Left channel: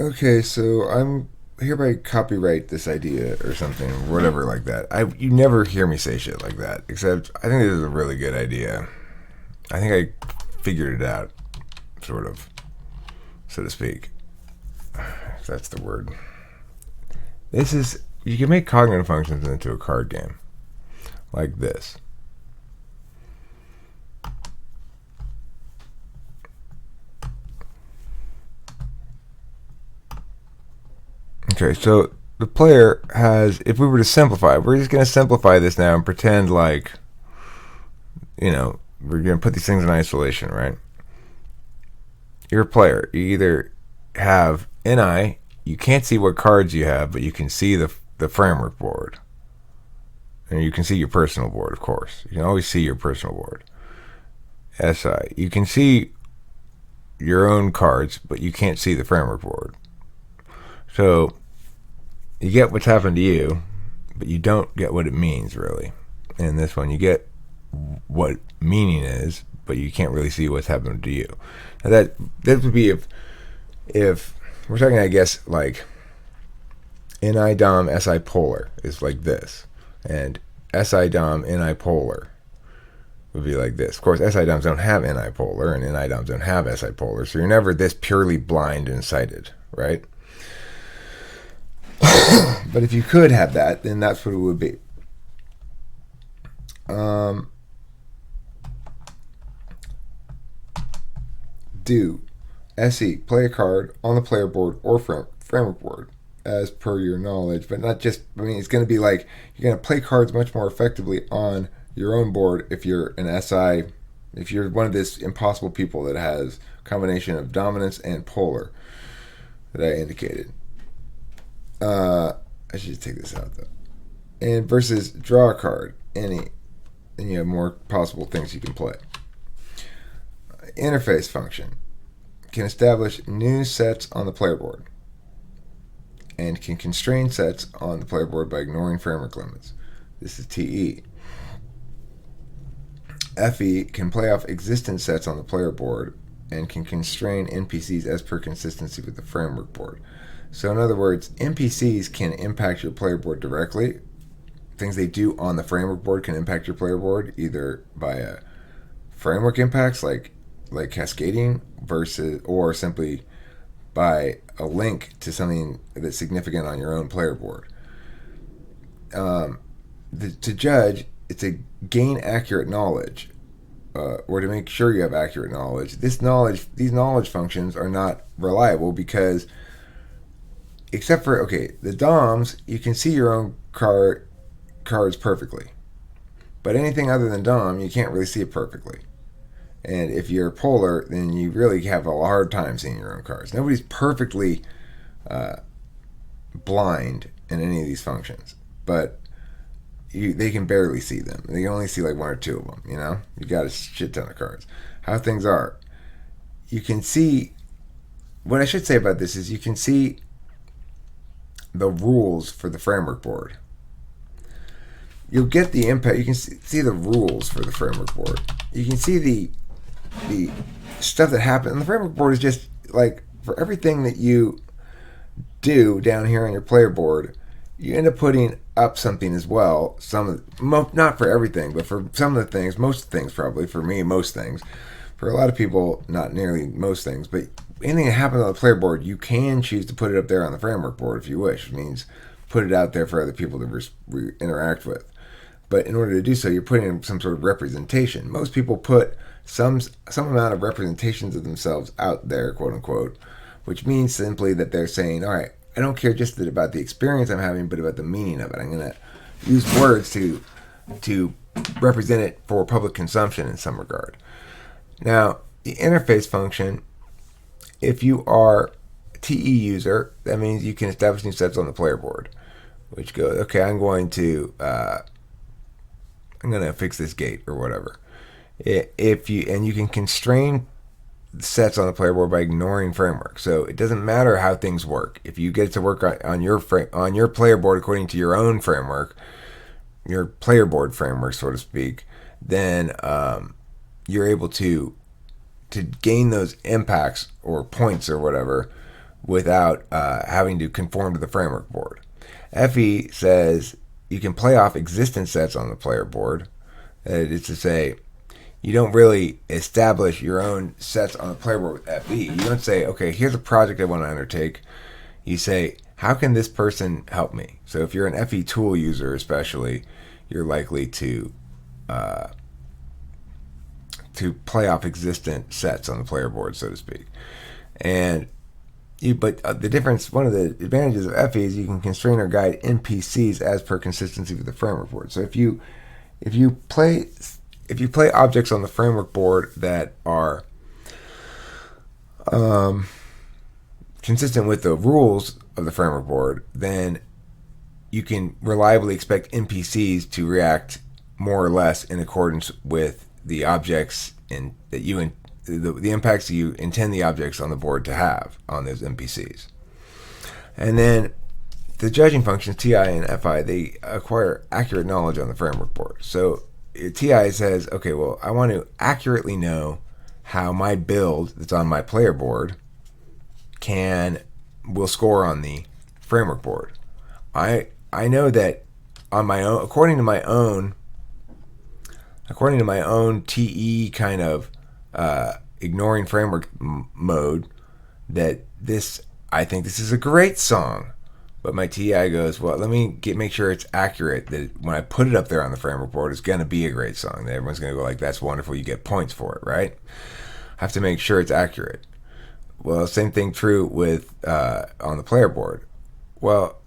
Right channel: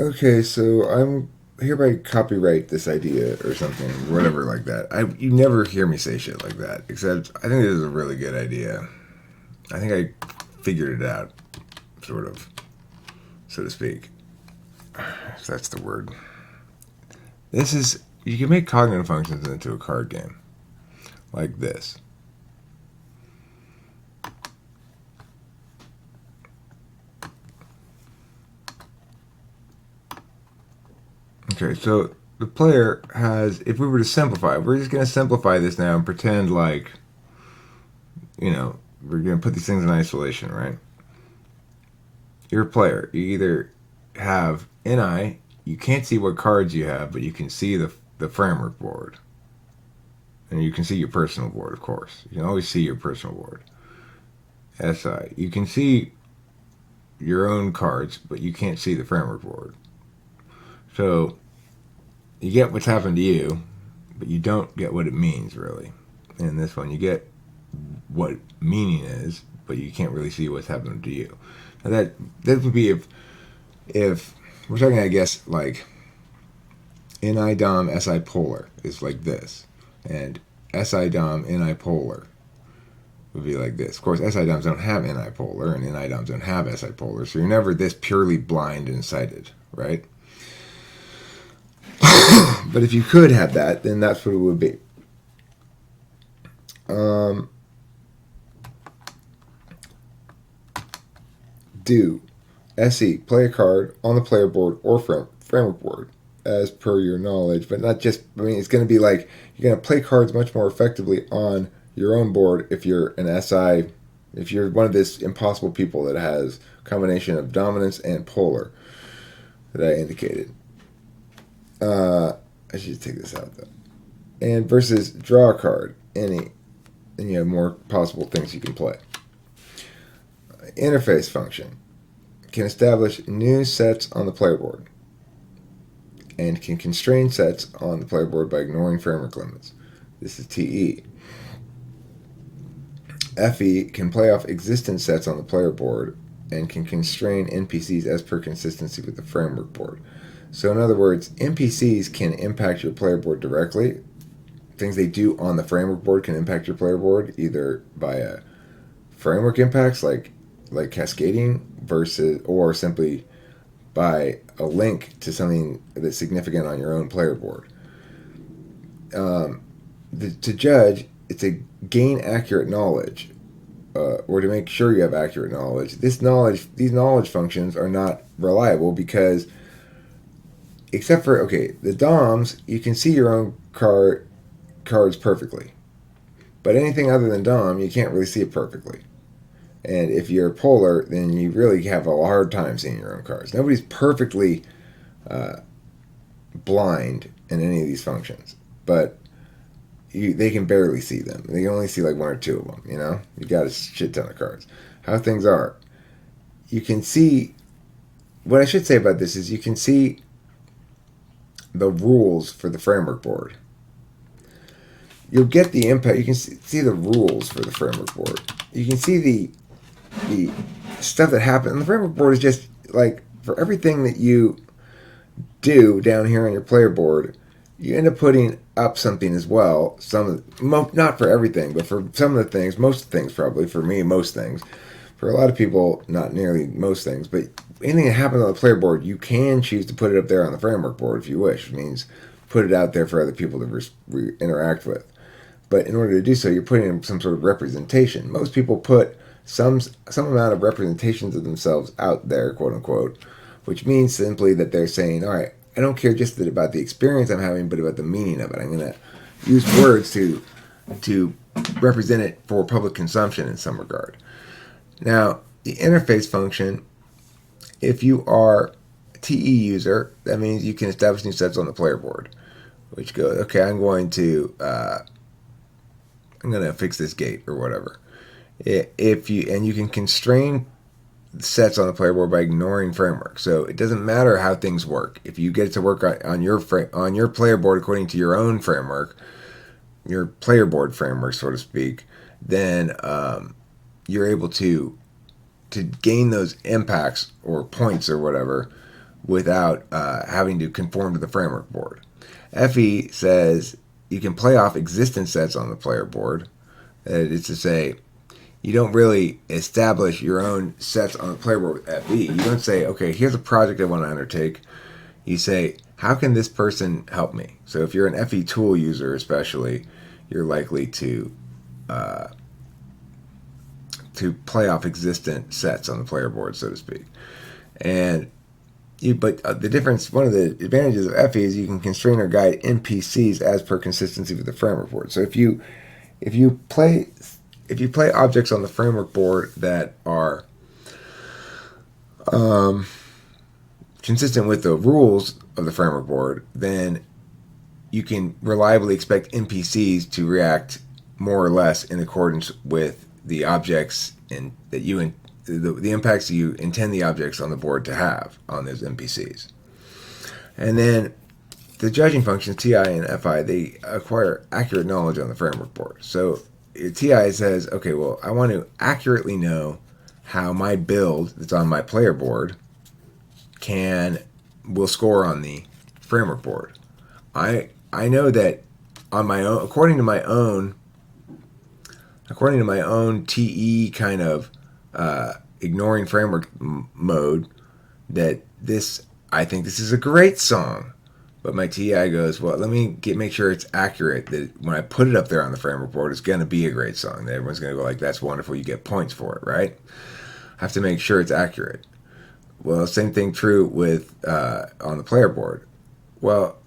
Okay, so I'm hereby copyright this idea or something, whatever like that. You never hear me say shit like that, except I think this is a really good idea. I think I figured it out, sort of, so to speak. If that's the word. This is you can make cognitive functions into a card game like this. Okay, so the player has, if we were to simplify, we're just going to simplify this now and pretend like, we're going to put these things in isolation, right? You're a player. You either have NI, you can't see what cards you have, but you can see the framework board. And you can see your personal board, of course. You can always see your personal board. SI, you can see your own cards, but you can't see the framework board. So you get what's happened to you, but you don't get what it means, really. In this one, you get what meaning is, but you can't really see what's happened to you. Now that would be if we're talking, I guess, like NI Dom SI polar is like this, and SI Dom NI polar would be like this. Of course, SI Doms don't have NI polar, and NI Doms don't have SI polar, so you're never this purely blind and sighted, right? But if you could have that, then that's what it would be. Do SE, play a card on the player board or framework board as per your knowledge, but not just, it's going to be like you're going to play cards much more effectively on your own board if you're an SI, if you're one of this impossible people that has a combination of dominance and polar that I indicated. I should take this out though. And versus draw a card, and you have more possible things you can play. Interface function can establish new sets on the player board and can constrain sets on the player board by ignoring framework limits. This is TE. FE can play off existing sets on the player board and can constrain NPCs as per consistency with the framework board. So in other words, NPCs can impact your player board directly. Things they do on the framework board can impact your player board either by framework impacts like cascading versus, or simply by a link to something that's significant on your own player board. To judge, it's a gain accurate knowledge, or to make sure you have accurate knowledge. These knowledge functions are not reliable because, except for the DOMs, you can see your own cards perfectly, but anything other than DOM, you can't really see it perfectly. And if you're polar, then you really have a hard time seeing your own cards. Nobody's perfectly blind in any of these functions, but they can barely see them. They can only see like one or two of them, You got a shit ton of cards. How things are, you can see, what I should say about this is you can see the rules for the framework board. You'll get the impact. You can see the rules for the framework board. You can see the stuff that happened. And the framework board is just like, for everything that you do down here on your player board, you end up putting up something as well. Not for everything, but for some of the things, most things probably, for me, most things. For a lot of people, not nearly most things, but anything that happens on the player board, you can choose to put it up there on the framework board if you wish. It means put it out there for other people to interact with. But in order to do so, you're putting in some sort of representation. Most people put some amount of representations of themselves out there, quote unquote, which means simply that they're saying, all right, I don't care just about the experience I'm having, but about the meaning of it. I'm going to use words to represent it for public consumption in some regard. Now, the interface function, if you are a TE user, that means you can establish new sets on the player board, which goes, okay, I'm going to fix this gate or whatever. You can constrain sets on the player board by ignoring framework. So it doesn't matter how things work. If you get to work on your player board according to your own framework, your player board framework, so to speak, then you're able to gain those impacts or points or whatever without having to conform to the framework board. FE says you can play off existing sets on the player board. It's to say, you don't really establish your own sets on the player board with FE. You don't say, okay, here's a project I want to undertake. You say, how can this person help me? So if you're an FE tool user especially, you're likely to play off existent sets on the player board, so to speak. But the difference, one of the advantages of FE is you can constrain or guide NPCs as per consistency with the framework board. So if you play objects on the framework board that are consistent with the rules of the framework board, then you can reliably expect NPCs to react more or less in accordance with the objects the impacts you intend the objects on the board to have on those NPCs. And then the judging functions, TI and FI, they acquire accurate knowledge on the framework board. So TI says, okay, well, I want to accurately know how my build that's on my player board will score on the framework board. I know that on my own, according to my own TE kind of ignoring framework mode, that I think this is a great song. But my TI goes, well, let me make sure it's accurate, that when I put it up there on the framework board, it's going to be a great song. That everyone's going to go like, that's wonderful, you get points for it, right? I have to make sure it's accurate. Well, same thing true with on the player board. Well,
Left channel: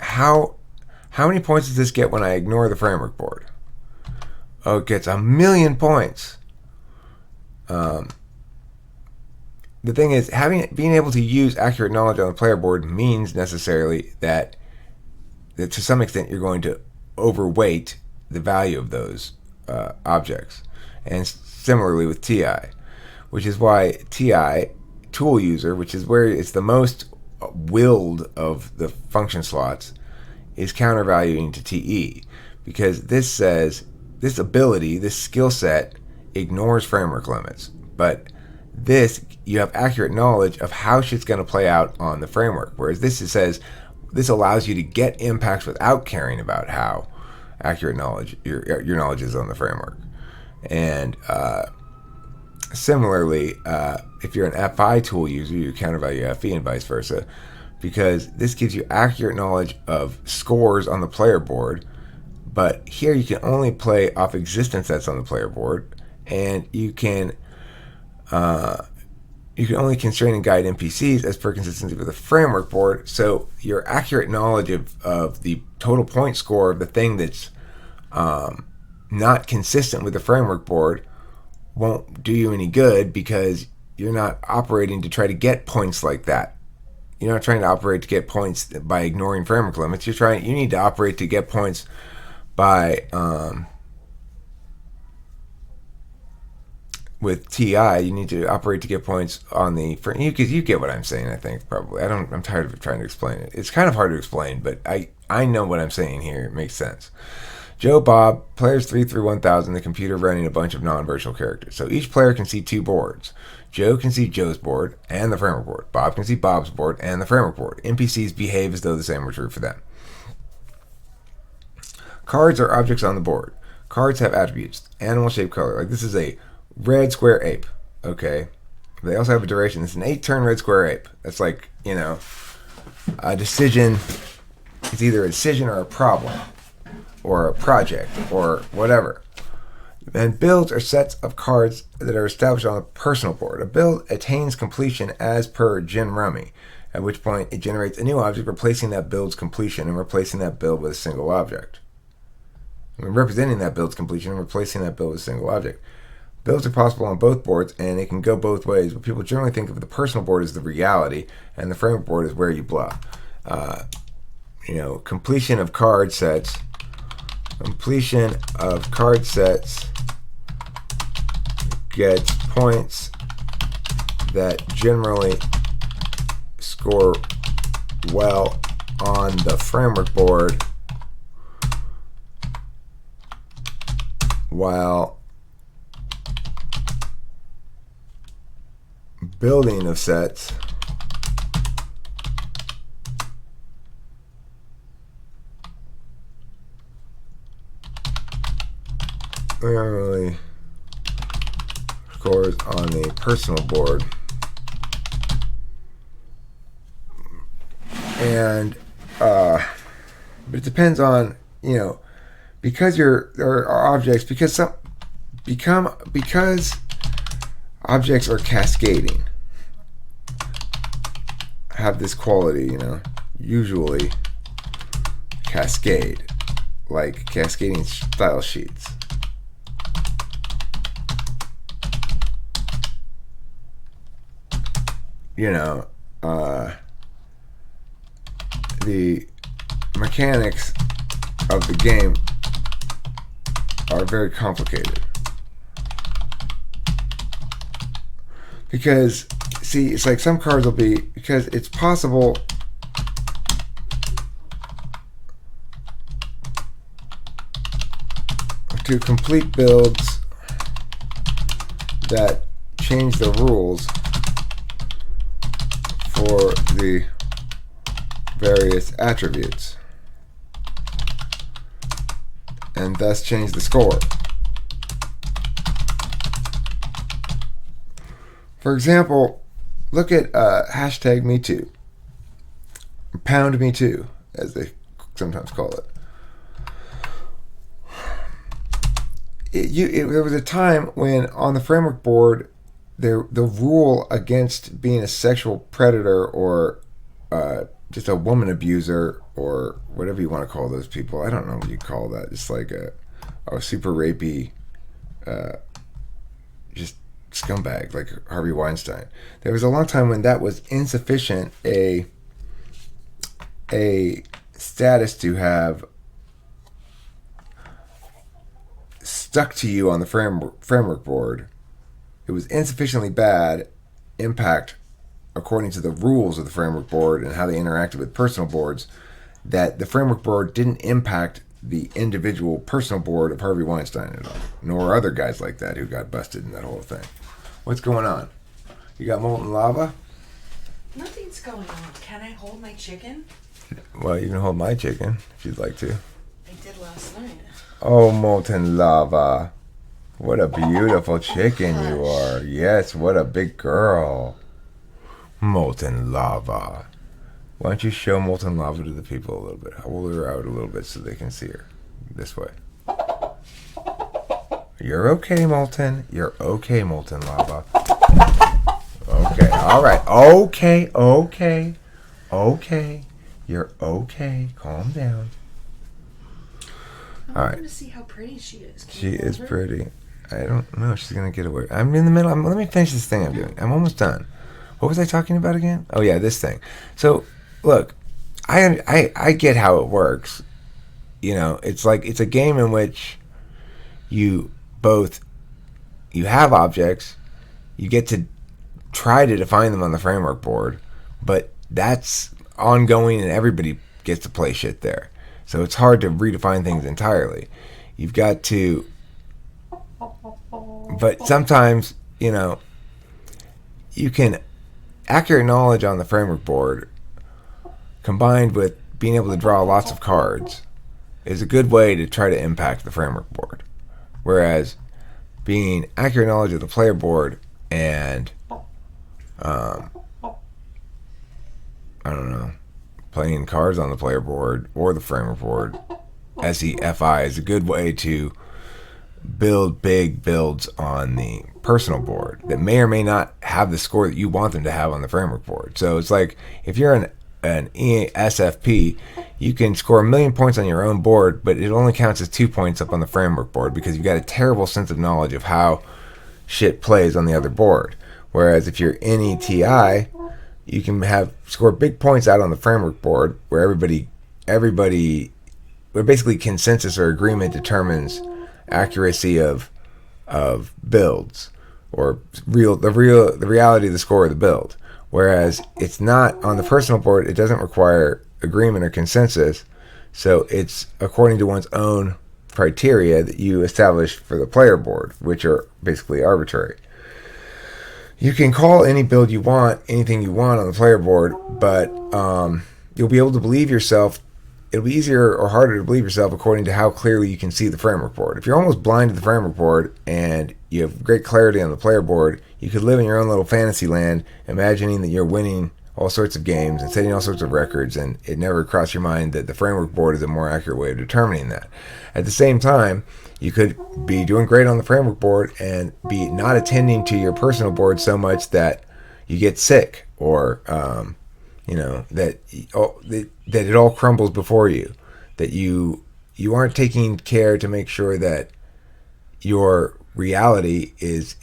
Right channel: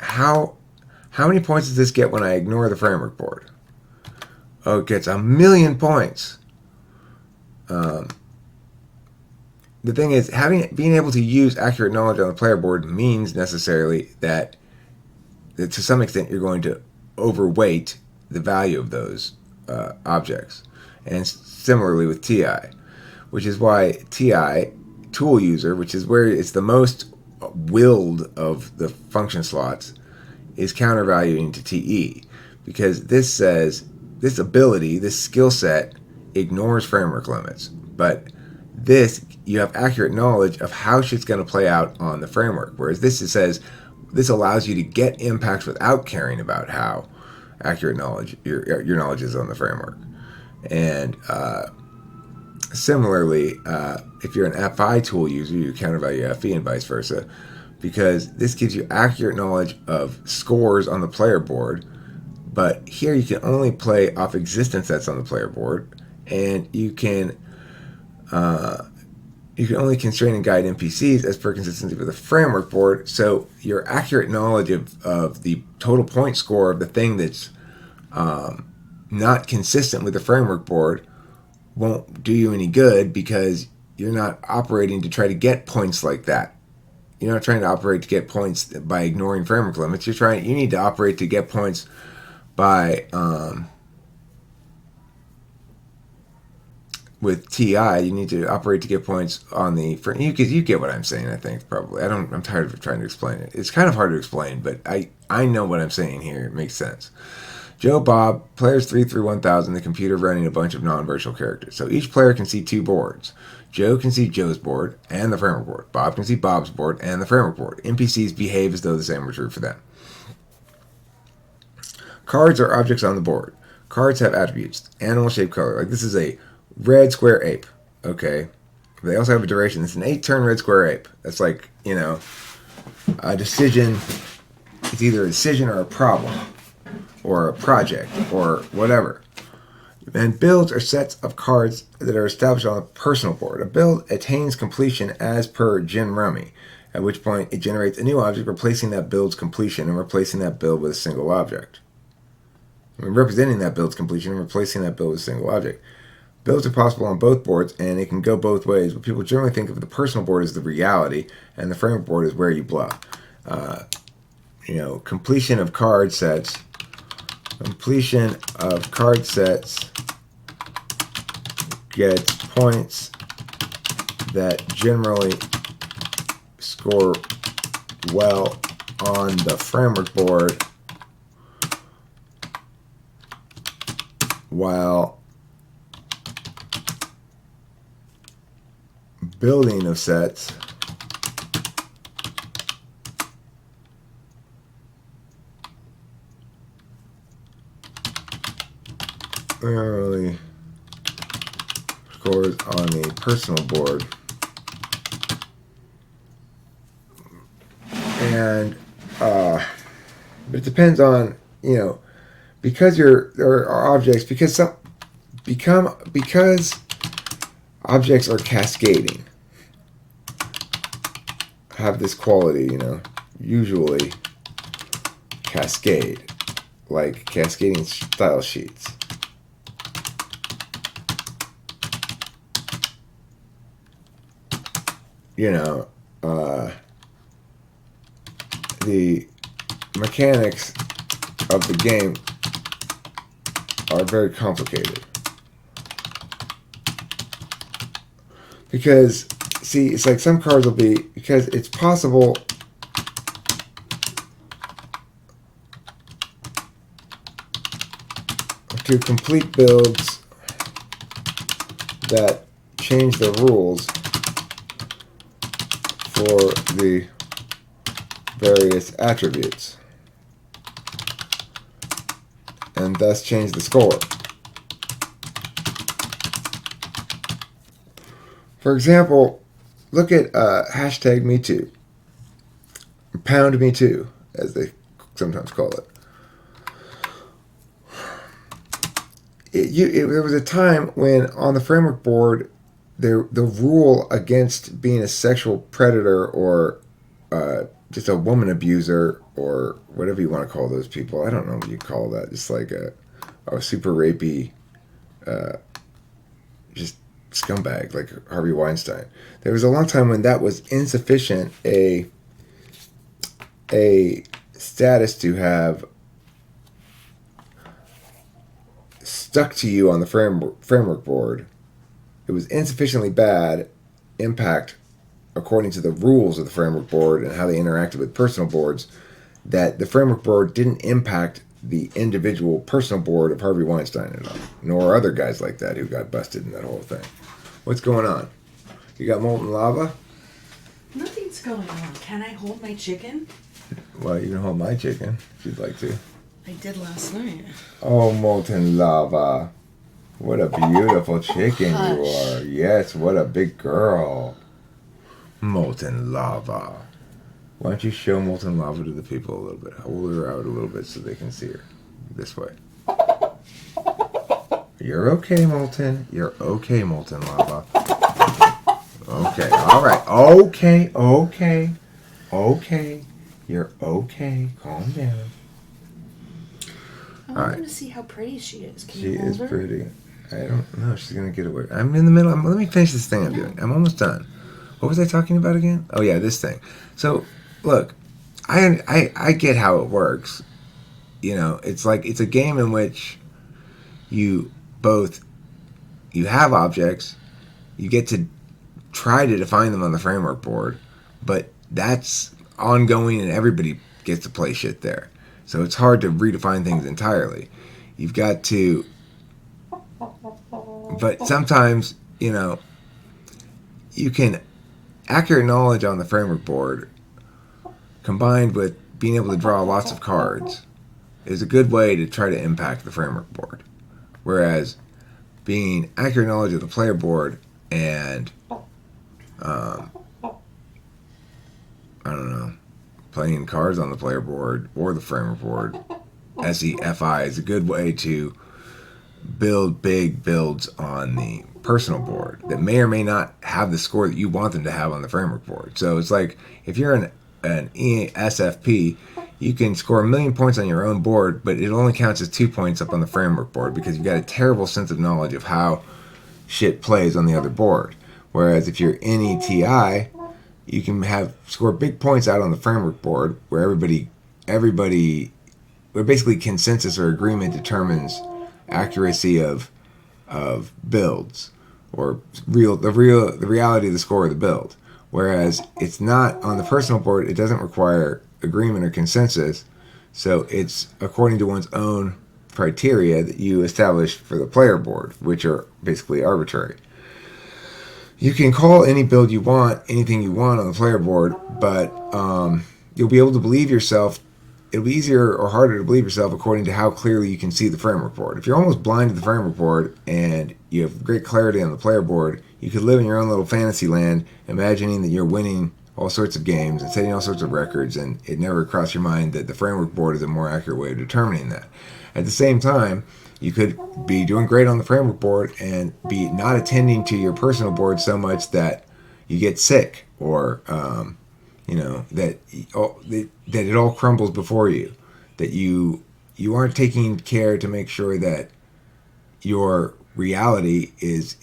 how many points does this get when I ignore the framework board? Oh, it gets 1,000,000 points. The thing is, being able to use accurate knowledge on the player board means necessarily that to some extent you're going to overweight the value of those objects. And similarly with TI, which is why TI, tool user, which is where it's the most willed of the function slots, is countervaluing to TE. Because this says, this ability, this skill set, ignores framework limits. But this, you have accurate knowledge of how shit's going to play out on the framework. Whereas this says, this allows you to get impacts without caring about how accurate knowledge your knowledge is on the framework. And similarly, if you're an FI tool user, you countervalue FE and vice versa, because this gives you accurate knowledge of scores on the player board. But here you can only play off existing sets on the player board, and you can only constrain and guide NPCs as per consistency with the framework board. So your accurate knowledge of the total point score of the thing that's not consistent with the framework board won't do you any good, because you're not operating to try to get points like that. You're not trying to operate to get points by ignoring framework limits. You need to operate to get points by with TI, you need to operate to get points on the, because you get what I'm saying, I think, probably. I'm tired of trying to explain it. It's kind of hard to explain, but I know what I'm saying here. It makes sense. Joe, Bob, players 3 through 1,000, the computer running a bunch of non-virtual characters. So each player can see 2 boards. Joe can see Joe's board and the framework board. Bob can see Bob's board and the framework board. NPCs behave as though the same were true for them. Cards are objects on the board. Cards have attributes. Animal, shape, color. Like, this is a red square ape. Okay. They also have a duration. It's an 8-turn red square ape. That's like, a decision. It's either a decision or a problem, or a project, or whatever. And builds are sets of cards that are established on a personal board. A build attains completion as per Gin Rummy, at which point it generates a new object, replacing that build's completion and replacing that build with a single object. Representing that build's completion and replacing that build with a single object. Builds are possible on both boards, and it can go both ways, but people generally think of the personal board as the reality, and the framework board is where you blah. Completion of card sets. Completion of card sets gets points that generally score well on the framework board, while building of sets really scores on the personal board. And it depends on, because there are objects, because objects are cascading, have this quality, usually cascade, like cascading style sheets. The mechanics of the game are very complicated. Because, see, it's like some cards will be, because it's possible to complete builds that change the rules for the various attributes and thus change the score. For example, look at hashtag #MeToo, pound #MeToo, as they sometimes call it. There was a time when on the framework board, the rule against being a sexual predator or just a woman abuser or whatever you want to call those people. I don't know what you call that. Just like a super rapey, just scumbag like Harvey Weinstein. There was a long time when that was insufficient a status to have stuck to you on the framework board. It was insufficiently bad impact according to the rules of the framework board and how they interacted with personal boards, that the framework board didn't impact the individual personal board of Harvey Weinstein at all, nor other guys like that who got busted in that whole thing. What's going on? You got molten lava? Nothing's going on. Can I hold my chicken? Well, you can hold my chicken if you'd like to. I did last night. Oh, molten lava. What a beautiful chicken you are. Yes, what a big girl. Molten lava. Why don't you show molten lava to the people a little bit? Hold her out a little bit so they can see her. This way. You're okay, Molten. You're okay, molten lava. Okay, all right. Okay. You're okay. Calm down. I want to see how pretty she is. She is pretty. I don't know. She's going to get away. I'm in the middle. Let me finish this thing I'm doing. I'm almost done. What was I talking about again? Oh, yeah, this thing. So, look, I get how it works. It's like it's a game in which you have objects, you get to try to define them on the framework board, but that's ongoing and everybody gets to play shit there. So it's hard to redefine things entirely. You've got to, but sometimes, you can, accurate knowledge on the framework board combined with being able to draw lots of cards is a good way to try to impact the framework board. Whereas being accurate knowledge of the player board and, playing cards on the player board or the framework board, SEFI, is a good way to build big builds on the personal board that may or may not have the score that you want them to have on the framework board. So it's like if you're an SFP, you can score 1,000,000 points on your own board, but it only counts as 2 points up on the framework board because you've got a terrible sense of knowledge of how shit plays on the other board. Whereas if you're NETI, you can score big points out on the framework board where where basically consensus or agreement determines accuracy of builds or the reality of the score of the build. Whereas it's not on the personal board, it doesn't require agreement or consensus, so it's according to one's own criteria that you establish for the player board, which are basically arbitrary. You can call any build you want, anything you want on the player board, but you'll be able to believe yourself it'll be easier or harder to believe yourself according to how clearly you can see the framework board. If you're almost blind to the framework board and you have great clarity on the player board, you could live in your own little fantasy land, imagining that you're winning all sorts of games and setting all sorts of records, and it never crossed your mind that the framework board is a more accurate way of determining that. At the same time, you could be doing great on the framework board and be not attending to your personal board so much that you get sick, or that it all crumbles before you, that you aren't taking care to make sure that your reality is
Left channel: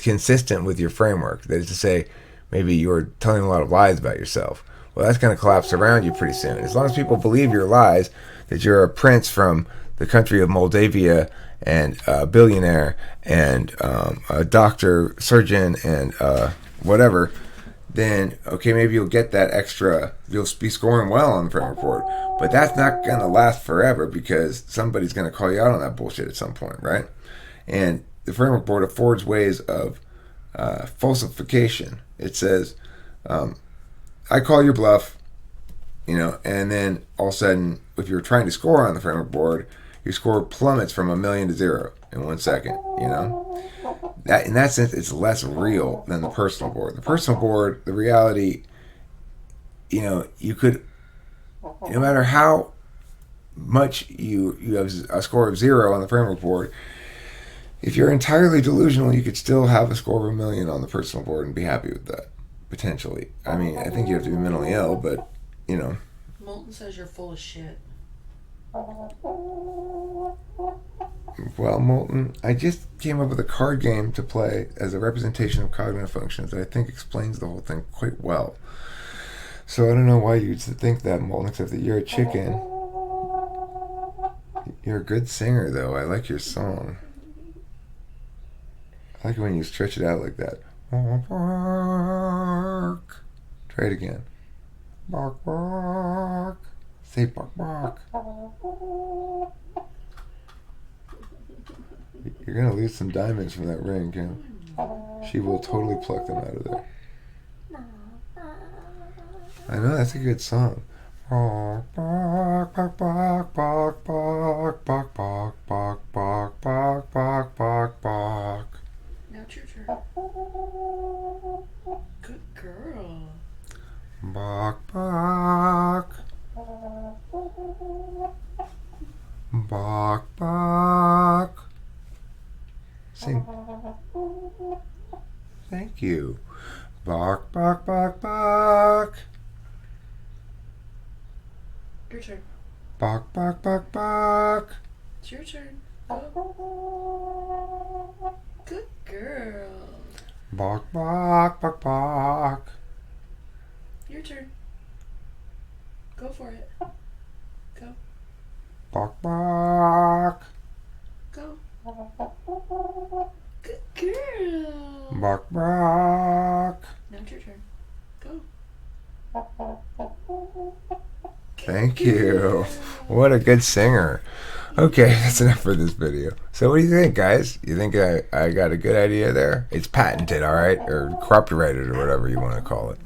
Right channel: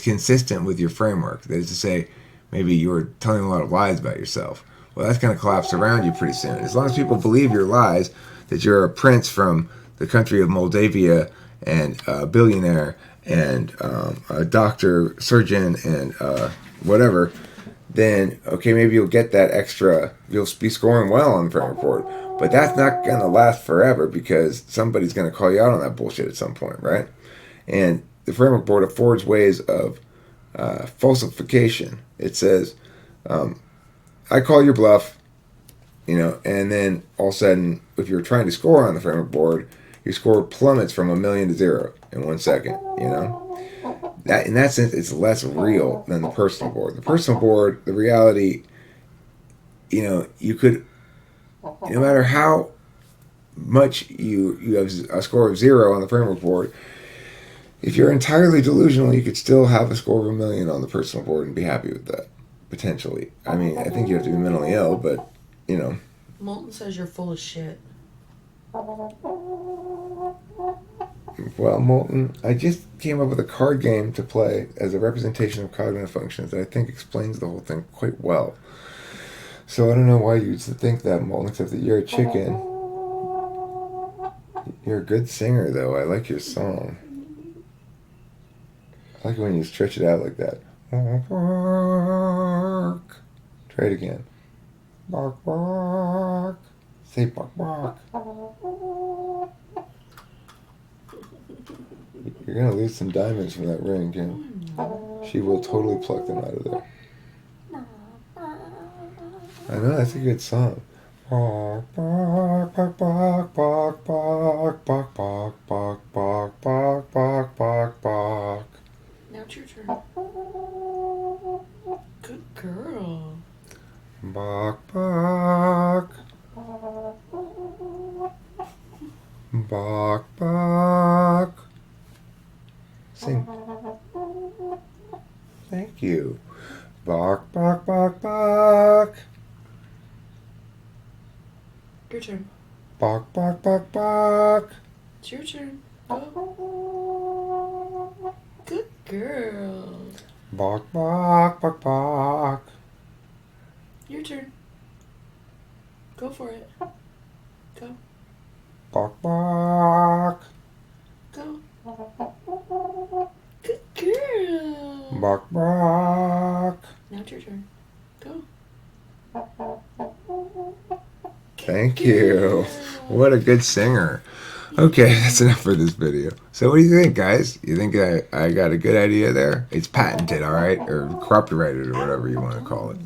consistent with your framework. That is to say, maybe you're telling a lot of lies about yourself. Well, that's going to collapse around you pretty soon. As long as people believe your lies, that you're a prince from the country of Moldavia and a billionaire and a doctor, surgeon, and whatever, then okay, maybe you'll get that extra, you'll be scoring well on the framework board. But that's not going to last forever, because somebody's going to call you out on that bullshit at some point, right? And the framework board affords ways of falsification. It says, I call your bluff, and then all of a sudden, if you're trying to score on the framework board, your score plummets from 1 million to 0 in 1 second, That, in that sense, it's less real than the personal board. The personal board, the reality, you could, no matter how much you have a score of 0 on the framework board, if you're entirely delusional, you could still have a score of 1 million on the personal board and be happy with that, potentially. I mean, I think you have to be mentally ill, but, Molten says you're full of shit. Well, Molten, I just came up with a card game to play as a representation of cognitive functions that I think explains the whole thing quite well. So I don't know why you'd think that, Molten, except that you're a chicken. You're a good singer, though. I like your song. I like it when you stretch it out like that. Bark. Try it again. Bark, bark. Say bark, bark. You're going to lose some diamonds from that ring, Kim. She will totally pluck them out of there. I know, that's a good song. Bark, bark, bark, bark, bark, bark, bark, bark, bark, bark, bark, bark, bark, bark. Now it's your turn. Good girl. Bark, bark. Bark, bark. Sing. Thank you. Bark, bark, bark, bark. Your turn. Bark, bark, bark, bark. It's your turn. Go. Good girl. Bark, bark, bark, bark. Your turn. Go for it. Go. Bark, bark. Go. Good girl. Bark, bark. Now it's your turn. Go. Thank you. What a good singer. Okay, that's enough for this video. So what do you think, guys? You think I got a good idea there? It's patented, all right? Or copyrighted, or whatever you want to call it.